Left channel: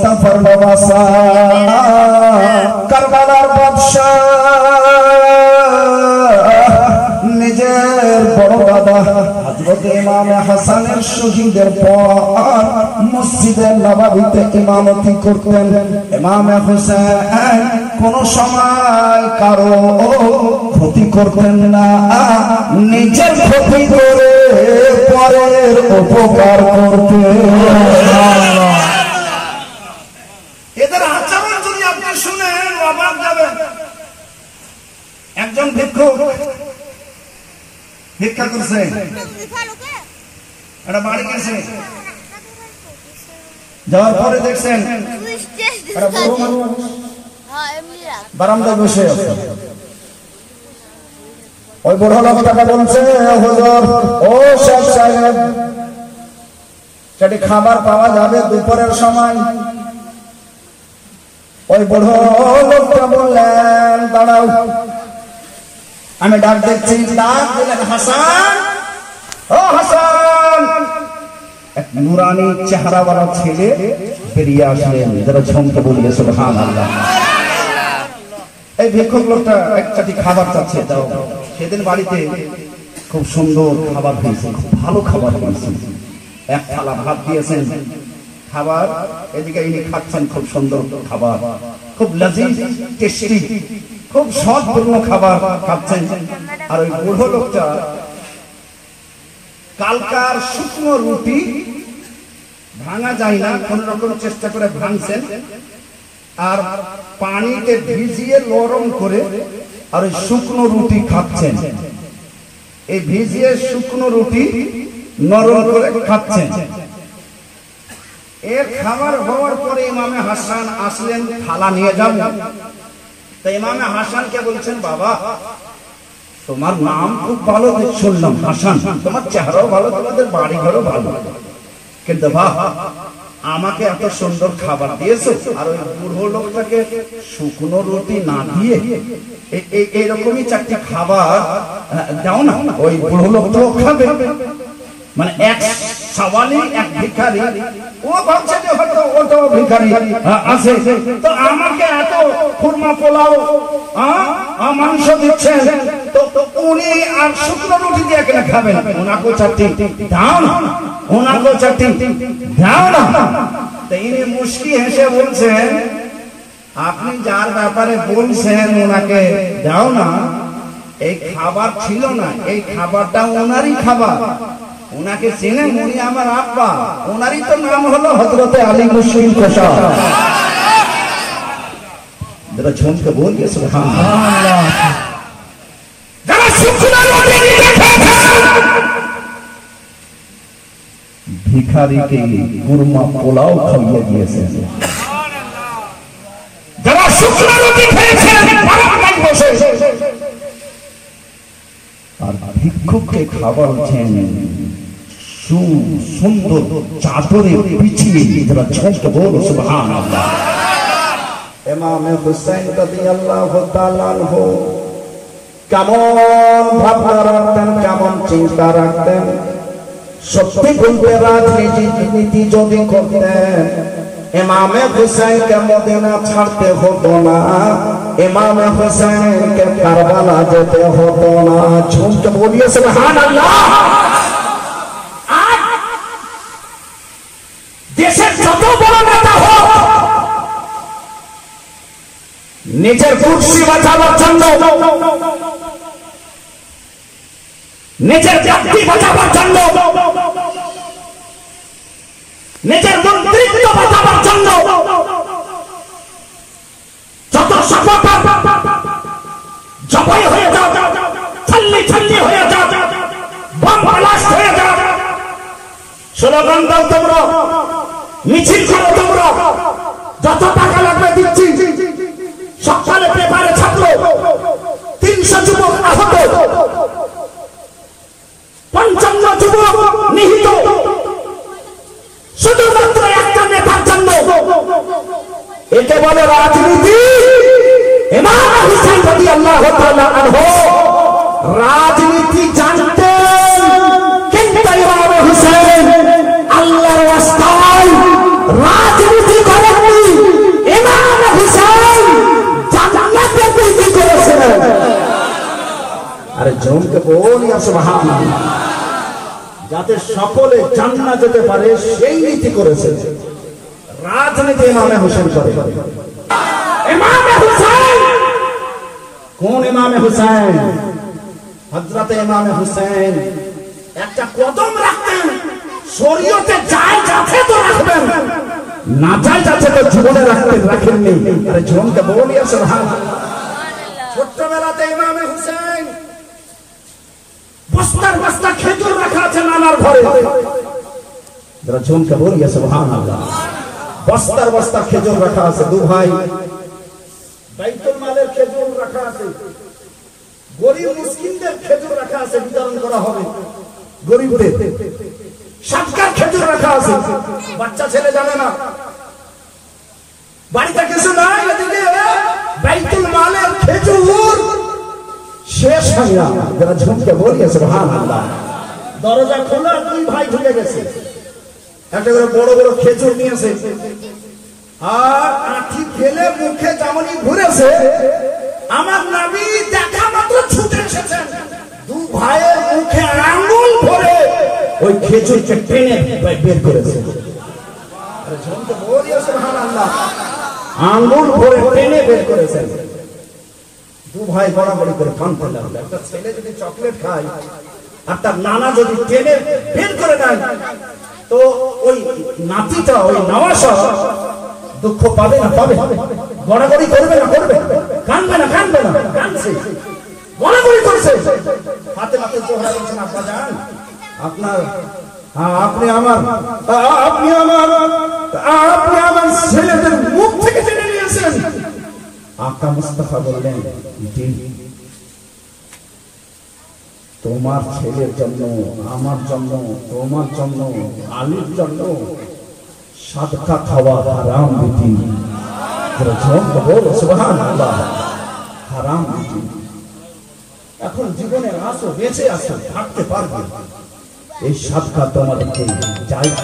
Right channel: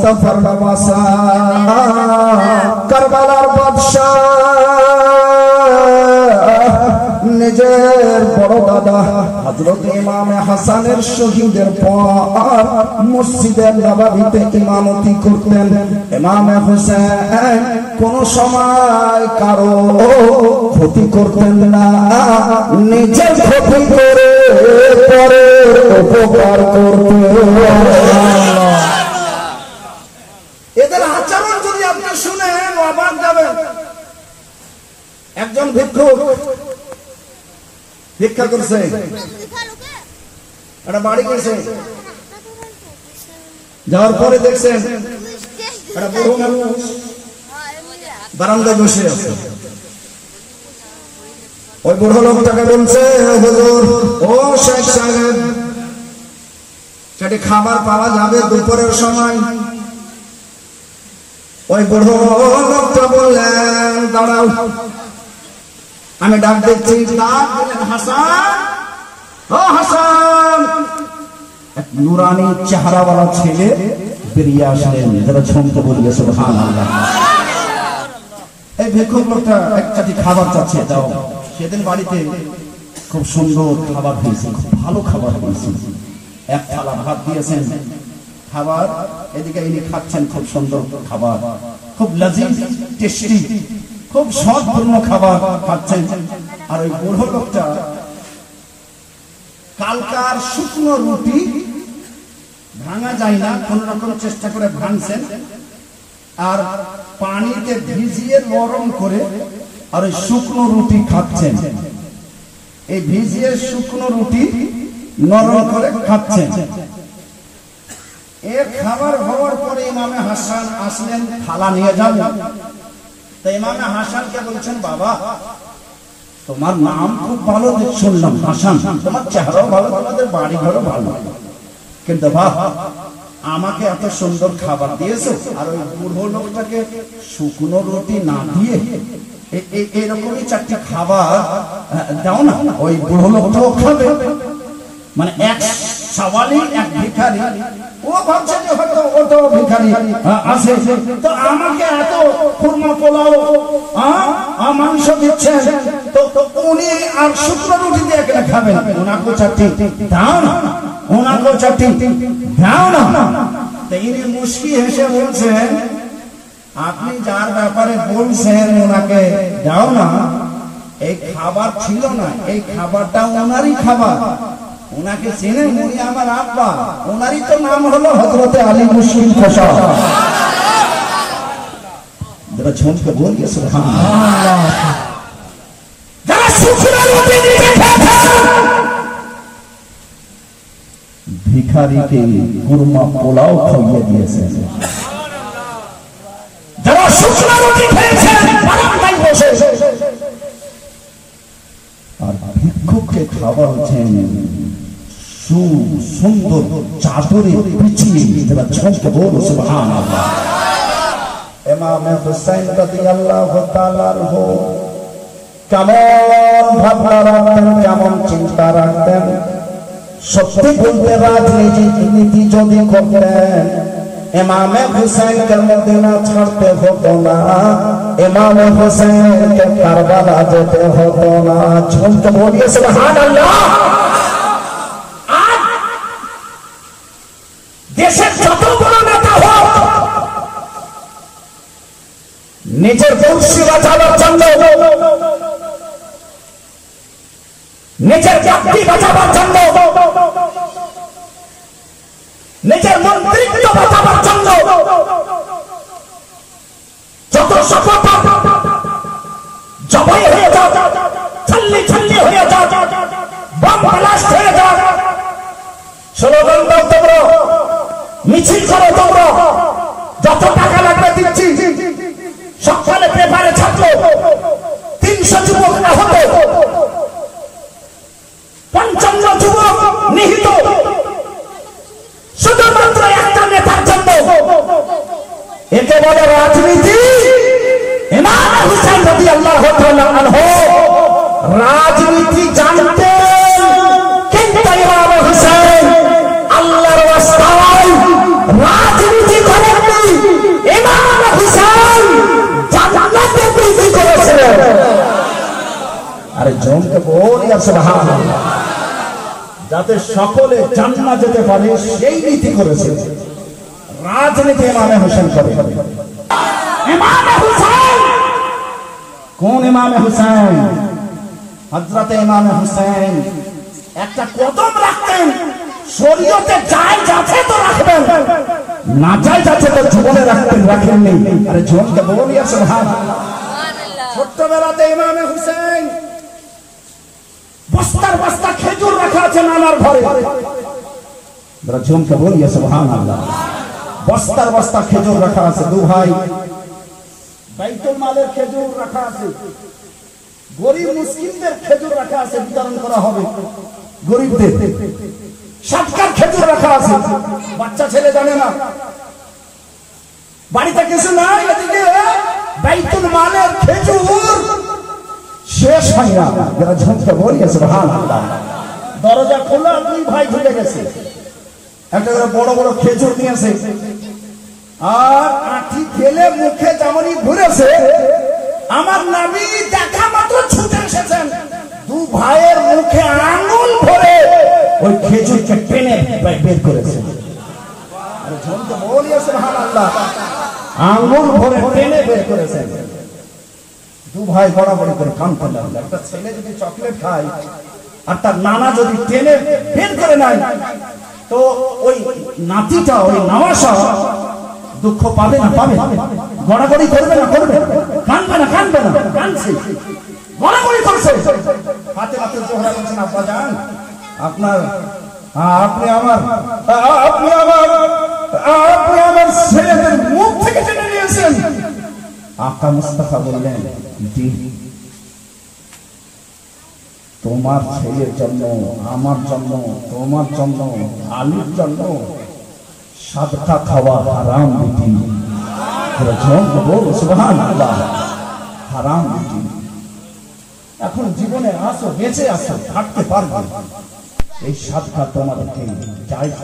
মুস্তাফার বাদশা কারবালার বাদশা নিজের বড় দাদা হযরত ইমাম হাসানের শহীদের পর মসজিদে নববীতে ইমামতি করতেন ইমাম হোসেন কোন সময় কারো ক্ষতি করতেন না, নিজের ক্ষতি করে পরের উপকার করতেন। এদের আচরণ যদি আপনি শুনেন অবাক যাবেন। একজন ভিক্ষুক ভিক্ষা করছে, একটা বাড়ি গেছে, যাওয়ার পরে দেখছেন বারান্দায় বসে আছে। ওই বুড়ো লোকটাকে বলছে, হুজুর ও শেখ সাহেব, সেটি খাবার পাওয়া যাবে দুপুরের সময়? ওই বুড়ো লোকটা বললেন, দাঁড়াও আমি ডাক দিচ্ছি। ডাক দিলেন, হাসান, ও হাসান। এক নুরানি চেহারাওয়ালা ছেলে বেরিয়ে আসলেন, যারা ছন্দে বলিয়ে সুবহানাল্লাহ। এই ভিক্ষুক লোকটা এক চাটি খাবার চাচ্ছে, দাও। সেদিন বাড়িতে খুব সুন্দর খাবার হয়েছে, খুব ভালো খাবার হয়েছে। এক থালা ভাত দিয়েছেন, খাবার এদিকে ইনি খাচ্ছেন, খুব সুন্দর খাবার, খুব লজিজ টেস্টি, খুব স্বাদপূর্ণ খাবার খাচ্ছেন। আর ওই বুড়ো লোকটা কালকার শুকনো রুটি ভাঙা যায় না, কোন রকম চেষ্টা করে ভাঙছেন, আর পানিতে ভিজিয়ে নরম করে আর ওই শুকনো রুটি খাচ্ছেন। এই ভিজিয়ে শুকনো রুটি নরম করে খাচ্ছেন। এর খাবার হওয়ার পরে ইমামে হাসান আসলেন, থালা নিয়ে যাবেন। তো ইমামে হাসানকে বলছেন, বাবা তোমার নাম খুব ভালো শুনলাম হাসান, তোমার চেহারাও ভালো, তোমাদের বাড়ি ঘরও ভালো, কিন্তু বাবা আমাকে এত সুন্দর খাবার দিয়েছো, আর ওই বুড়ো লোকটাকে শুকনো রুটি না দিয়ে এরকমই চারটি খাবার দাও না, ওই বুড়ো লোকটাও খাবে। মানে এক সওয়ালি, এক ভিখারি, ও ভাবছে যে হয়তো ওটাও ভিখারি আছে, তো আমাকে এত খুরমা পোলাও মাংস দিচ্ছে, তো উনি আর শুকনো রুটি দিয়ে কেন খাবেন? ওনাকেও চারটি দাও না, ওনাকেও চারটি দাও না। তো ইনি মুশকি হেসে বলছেন, আপনি যার ব্যাপারে বলছেন ওনাকে দাও না, এই খাবার ছিল না, এই খাবারটা ওনারই খাবার, ওনাকে চেনেন, উনি আমার আব্বা, ওনারই তো নাম হলো হযরতে আলী মুসলিম কোষা। যারা ঝুমকে বলিয়ে সুবহানাল্লাহ। ভিখারিকে কুরমা পোলাও খাইয়ে দিয়েছে, যারা শুকনো রুটি খেয়েছেন বারান্দায় বসে, আর ভিক্ষুককে খাওয়াচ্ছেন সুন্দর চাদরে বিছিয়ে। যারা ঝুমকে বলো সুবহানাল্লাহ। ইমাম হুসাইন রাদিয়াল্লাহু তাআলা আনহু কেমন ভাবনা রাখতেন, কেমন চিন্তা রাখতেন। সত্যি বলতে রাজনীতি যদি করতেন, ইমামে হুসাইনকে মদিনা ছাড়তে হতো না, ইমামে হুসাইনকে কারবালা যেতে হতো না। ঝুমকে বলিয়ে সুবহানাল্লাহ। দেশের যত বড় নেতা হোক, নিজের কুর্সি বাঁচাবার জন্য, নিজের জাতি বাঁচাবার জন্য, নিজের মন্ত্রিত্ব বাঁচাবার জন্য যত সফলতা জবাই হয়ে যাও, ছাল্লি ছাল্লি হয়ে যাও, বম ব্লাস্ট হয়ে যাও, স্লোগান দাও তোমরা, মিছিল করো তোমরা, যত টাকা লাগবে দিচ্ছি। সকালে পেপারে ছাপলো 300 যুবক আহত, 55 যুবক নিহত, শুধুমাত্র একটা নেতার জন্য। একে বলে রাজনীতি। ইমাম হুসাইন রাদিয়াল্লাহু তাআলা আনহু রাজনীতি জানতেন, কিন্তু ইমাম হুসাইন আল্লাহর ওয়াস্তায় রাজনীতি করেননি। আরে জনকে বলিয়া সুবহানাল্লাহ, যাতে সকলে জান্নাত যেতে পারে সেই নীতি করেছে। রাজনীতি ইমামে হোসেন করে। ইমামে হুসাইন, কোন ইমামে হুসাইন? হযরতে ইমামে হুসাইন একটা কদম রাখতেন, শরীয়তে যায় যাচ্ছে তো রাখবেন, না যায় যাচ্ছে তো জীবনে রাখেননি। আরে জনকে বলিয়া সুবহানাল্লাহ। ছোট্টবেলাতে ইমামে হুসাইন বস্তার বস্তা খেজুর রাখা আছে নানার ঘরে। যারা জনকে বলিয়া সুবহানাল্লাহ। বস্তার বস্তা খেজুর রাখা আছে, দু ভাই বাইতুল মালের খেজুর রাখা আছে, গরিব মিসকিনদের খেজুর রাখা আছে, বিতরণ করা হবে গরিবদের। সৎকার খেজুর রাখা আছে, বাচ্চা ছেলে জানে না, বাড়িতে কিছু নাই, এদিকে বাইতুল মালের খেজুর শেষ হয় না। যারা ঝুঁকতে বলিয়া সুবহানাল্লাহ। দরজা খোলা, দুই ভাই ঢুকে গেছে, একটা করে বড় বড় খেজুর নিয়েছে, আর আঁঠি ফেলে মুখে চামড়ি ঘুরেছে। আমার নবী দেখা মাত্র ছুটে এসেছেন, দু ভাইয়ের মুখে আঙ্গুল ভরে ওই খেজুরকে টেনে বের করেছে। আরে ঝুঁকতে বলিয়া সুবহানাল্লাহ। আঙ্গুল ভরে টেনে বের করেছেন। দু ভাই বড়াবড়ি করে কাঁদতে লাগলো। একটা ছেলে যদি চকলেট খায় আর তার নানা যদি টেনে বের করে নেয়, তো ওই নাতিটা, ওই নওয়াসা দুঃখ পাবে না? পাবে। গড়াগড়ি করবে না? করবে। কাঁদবে না? কাঁদবে না? কাঁদছে, গড়াগড়ি করছে। হাতে মাত্র জোহরা বলছেন, আপনার যান, আপনি আমার ছেলেদের মুখ থেকে টেনে নিয়েছেন। আকা মুস্তাফা বললেন, জি, তোমার ছেলের জন্য, আমার জন্য, তোমার জন্য, আলীর জন্য সাদকা খাওয়া হারাম বিধি। সুবহানাল্লাহ, হারাম বিধি। এখন জীবনে আসো, বেঁচে আসো, থাকতে পারবে, এই সাদকা তোমাদেরকে জায়েজ